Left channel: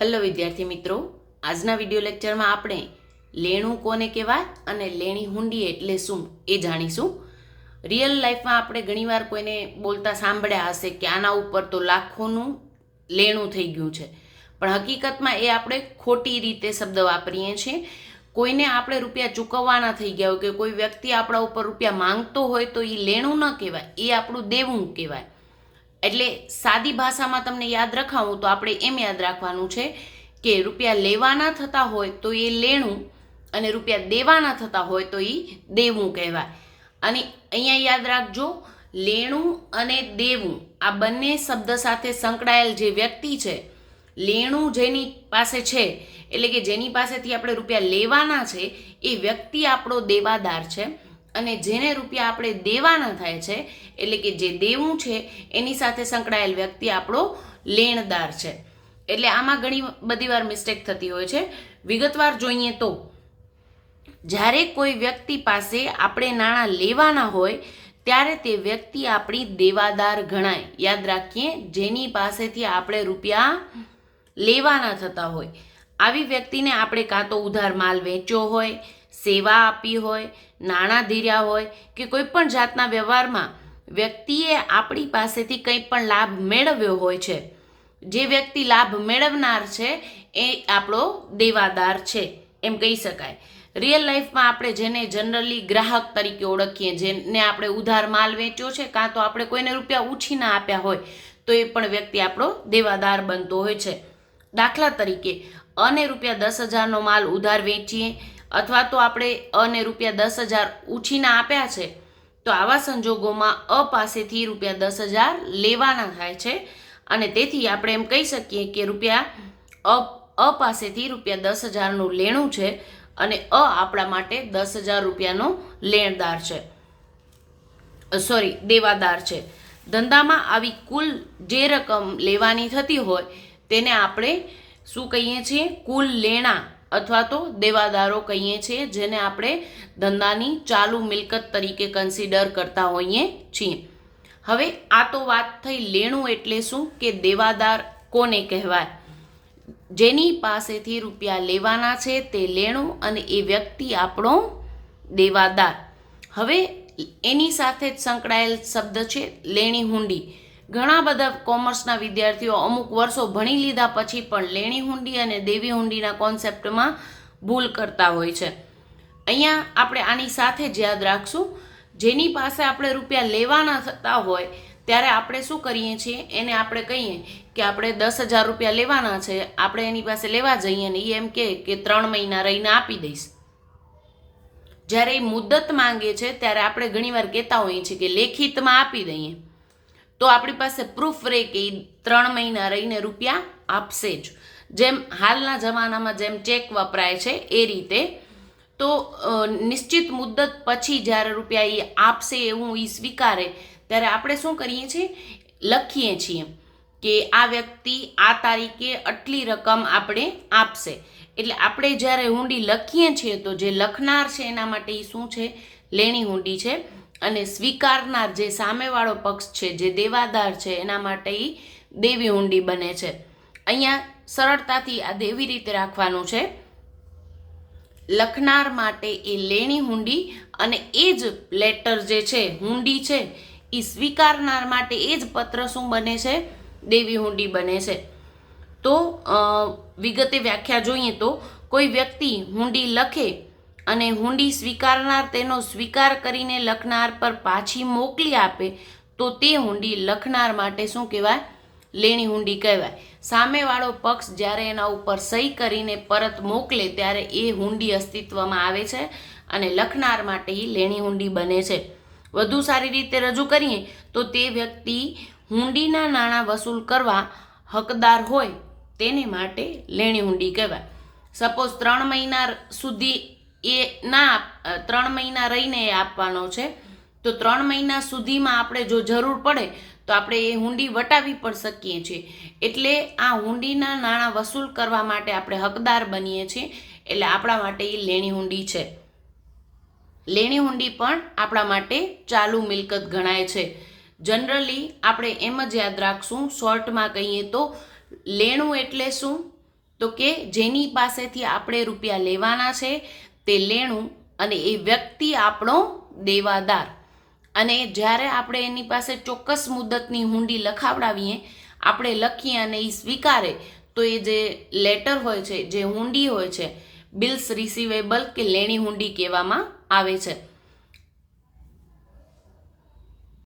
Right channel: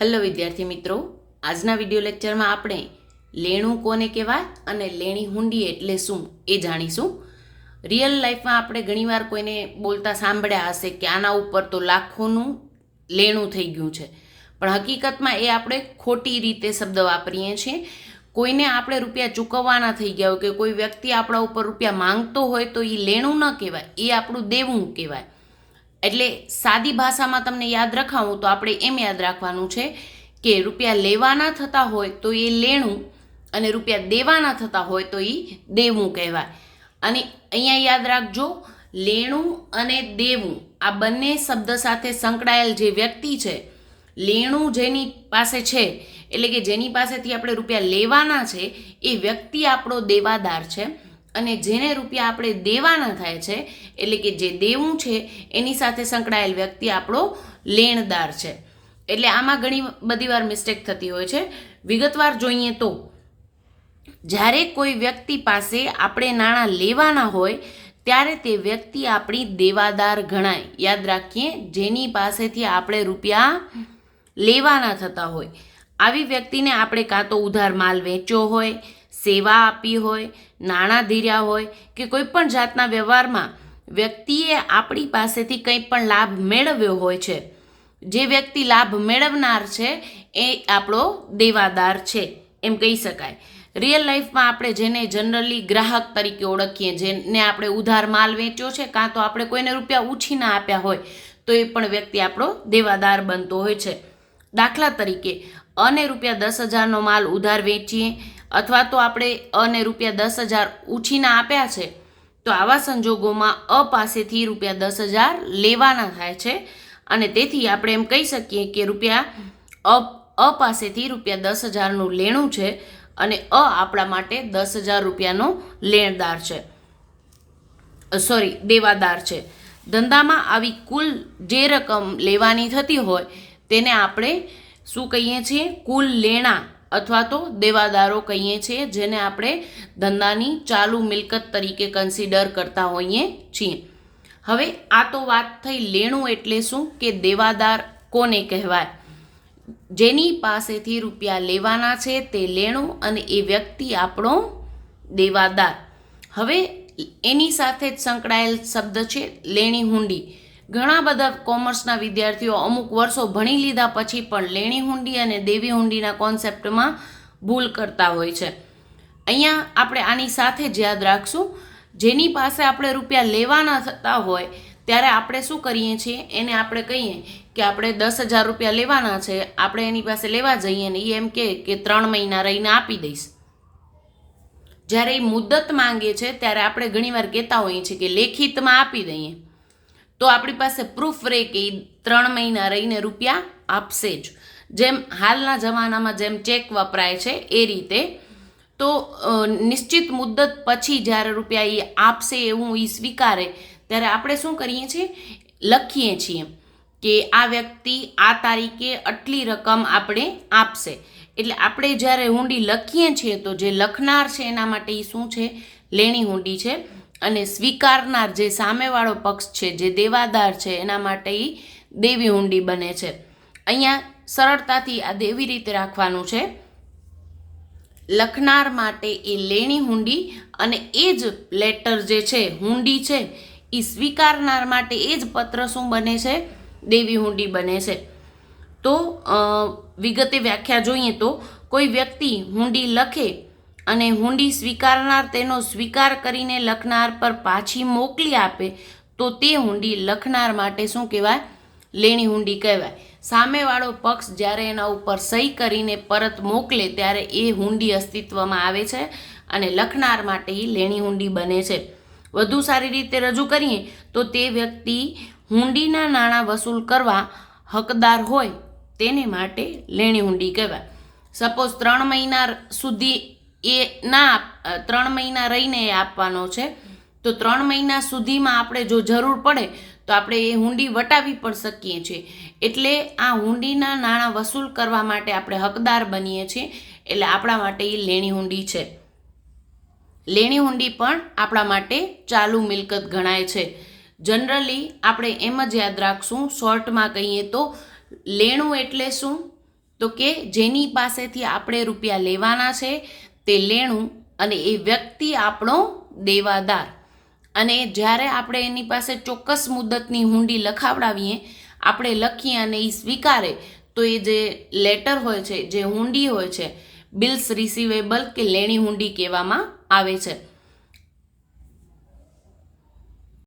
Hello વિદ્યાર્થી મિત્રો, આજના વીડિયો લેક્ચરમાં આપણે લેણું કોને કહેવાય અને લેણી હુંડી એટલે શું એ જાણીશું. રિયલ લાઈફમાં આપણે ઘણીવાર કોઈને બોલતા સાંભળ્યા હશે કે આના ઉપર તો લાખોનું લેણું થઈ ગયું છે. પણ હકીકતમાં એ આપણે ખોટી રીતે શબ્દ વાપરીએ છીએ. કોઈને આપણે રૂપિયા ચૂકવવાના થઈ ગયા હોય કે કોઈ વ્યક્તિ આપણા ઉપર રૂપિયા માંગતો હોય તો એ લેણું ન કહેવાય, એ આપણું દેવું કહેવાય. એટલે સાદી ભાષામાં તમને યાદ રખાવું તો આપણે એમ યાદ રાખવાનું છે કે રૂપિયા લેવાના થતા હોય તો એ લેણું અને રૂપિયા દેવાના થતા હોય તો એ દેવું કહેવાય. અને અહીંયા યાદ રાખજો, લેણું અને દેવું, આ બંને શબ્દ સાથે સંકળાયેલ જે વ્યક્તિ છે, લેણું જેની પાસે છે, એટલે કે જેની પાસેથી આપણે રૂપિયા લેવાના છે, એ વ્યક્તિ આપણો દેવાદાર છે. અને જેને રૂપિયા આપણે દેવાના થાય છે, એટલે કે જે દેવું છે, એની સાથે સંકળાયેલ વ્યક્તિ આપણો લેણદાર છે. એટલે આમાં ઘણી બધી વાર મિસ્ટેક થતી હોય છે. વિગતવાર જોઈએ તો, જ્યારે કોઈ વ્યક્તિ પાસે આપણે નાણાં લેવાના હોય, ત્યારે તે વ્યક્તિ આપણી દેવાદાર ગણાય. યાદ રાખીએ, જેની પાસેથી આપણે રૂપિયા લેવાના થતા હોય. આવી વ્યક્તિને આપણે કાં તો ઉધાર માલ વેચ્યો હોય સેવા આપી હોય, નાણાં ધીર્યા હોય કે કોઈ પણ જાતના વ્યવહારમાં વ્યક્તિએ આપણી પાસેથી કંઈ પણ લાભ મેળવ્યો હોય છે. જે વ્યક્તિ લાભ મેળવનાર છે, એ આપણો દેવાદાર છે, એમ કહી શકાય. રિયલ લાઈફમાં આપણે જેને જનરલી ગ્રાહક તરીકે ઓળખીએ, જેને આપણે ઉધાર માલ વેચ્યો છે, કાં તો આપણે કોઈને રૂપિયા ઉછીના આપ્યા હોય, તો એ પણ વ્યક્તિ આપણો દેવાદાર બનતો હોય છે. દાખલા તરીકે, અને રૂપિયા દસ હજારનો માલ ઉધાર વેચીએ અથવા તો આપણે અને રૂપિયા દસ હજાર ઉછીના આપ્યા છે, તો આવા સંજોગોમાં અ પાસેથી રૂપિયા દસ હજાર લેવાના થાય છે. અને તેથી આપણે એમ કહી શકીએ કે રૂપિયા અ અ પાસેથી રૂપિયા દસ હજારનું લેણું છે અને અ આપણા માટે દસ હજાર રૂપિયાનો લેણદાર છે. સોરી, દેવાદાર છે. ધંધામાં આવી કુલ જે રકમ લેવાની થતી હોય, તેને આપણે શું કહીએ છીએ? કુલ લેણા. અથવા તો દેવાદારો કહીએ છીએ, જેને આપણે ધંધાની ચાલુ મિલકત તરીકે કન્સિડર કરતા હોઈએ છીએ. હવે આ તો વાત થઈ લેણું એટલે શું કે દેવાદાર કોને કહેવાય? જેની પાસેથી રૂપિયા લેવાના છે તે લેણું અને એ વ્યક્તિ આપણો દેવાદાર. હવે એની સાથે જ સંકળાયેલ શબ્દ છે, લેણી હુંડી. ઘણા બધા કોમર્સના વિદ્યાર્થીઓ અમુક વર્ષો ભણી લીધા પછી પણ લેણી હુંડી અને દેવી હુંડીના કોન્સેપ્ટમાં ભૂલ કરતા હોય છે. અહીંયા આપણે આની સાથે જ યાદ રાખશું. જેની પાસે આપણે રૂપિયા લેવાના થતા હોય, ત્યારે આપણે શું કરીએ છીએ? એને આપણે કહીએ કે આપણે દસ હજાર રૂપિયા લેવાના છે, આપણે એની પાસે લેવા જઈએ ને એ એમ કહે કે ત્રણ મહિના રહીને આપી દઈશ. જ્યારે એ મુદત માંગે છે, ત્યારે આપણે ઘણીવાર કહેતા હોઈએ છીએ કે લેખિતમાં આપી દઈએ. તો આપણી પાસે પ્રૂફ રહે કે એ ત્રણ મહિના રહીને રૂપિયા આપશે જ. જેમ હાલના જમાનામાં જેમ ચેક વપરાય છે એ રીતે. તો નિશ્ચિત મુદ્દત પછી જ્યારે રૂપિયા એ આપશે એવું એ સ્વીકારે, ત્યારે આપણે શું કરીએ છીએ? લખીએ છીએ કે આ વ્યક્તિ આ તારીખે આટલી રકમ આપણે આપશે. એટલે આપણે જ્યારે હુંડી લખીએ છીએ તો જે લખનાર છે એના માટે એ શું છે? લેણી હુંડી છે. અને સ્વીકારનાર જે સામેવાળો પક્ષ છે, જે દેવાદાર છે, એના માટે એ દેવી હુંડી બને છે. અહીંયા સરળતાથી આ દેવી રીતે રાખવાનું છે. લખનાર માટે એ લેણી હુંડી અને એ જ લેટર જે છે હુંડી છે, એ સ્વીકારનાર માટે એ જ પત્ર શું બને છે? દેવી હુંડી બને છે. તો વિગતે વ્યાખ્યા જોઈએ તો કોઈ વ્યક્તિ હુંડી લખે અને હુંડી સ્વીકારનાર તેનો સ્વીકાર કરીને લખનાર પર પાછી મોકલી આપે, તો તે હુંડી લખનાર માટે શું કહેવાય? લેણી હુંડી કહેવાય. સામેવાળો પક્ષ જ્યારે એના ઉપર સહી કરીને પરત મોકલે, ત્યારે એ હુંડી અસ્તિત્વમાં આવે છે અને લખનાર માટે એ લેણી હુંડી બને છે. વધુ સારી રીતે રજૂ કરીએ, તો તે વ્યક્તિ હુંડીના નાણાં વસૂલ કરવા હકદાર હોય, તેને માટે લેણી હુંડી કહેવાય. સપોઝ ત્રણ મહિના સુધી એ ના ત્રણ મહિના રહીને એ આપવાનો છે. તો ત્રણ મહિના સુધીમાં આપણે જો જરૂર પડે, તો આપણે એ હુંડી વટાવી પણ શકીએ છીએ. એટલે આ હુંડીના નાણાં વસૂલ કરવા માટે આપણે હકદાર બનીએ છીએ. એટલે આપણા માટે એ લેણી હુંડી છે. લેણી હુંડી પણ આપણા માટે ચાલુ મિલકત ગણાય છે. જનરલી આપણે એમ જ યાદ રાખશું, શોર્ટમાં કહીએ તો, લેણું એટલે શું? તો કે જેની પાસેથી આપણે રૂપિયા લેવાના છે તે લેણું અને એ વ્યક્તિ આપણો દેવાદાર. અને જ્યારે આપણે એની પાસે ચોક્કસ મુદતની હુંડી લખાવડાવીએ, આપણે લખીએ અને એ સ્વીકારે, તો એ જે લેટર હોય છે, જે હુંડી હોય છે, બિલ્સ રિસીવેબલ કે લેણી હુંડી કહેવામાં આવે છે.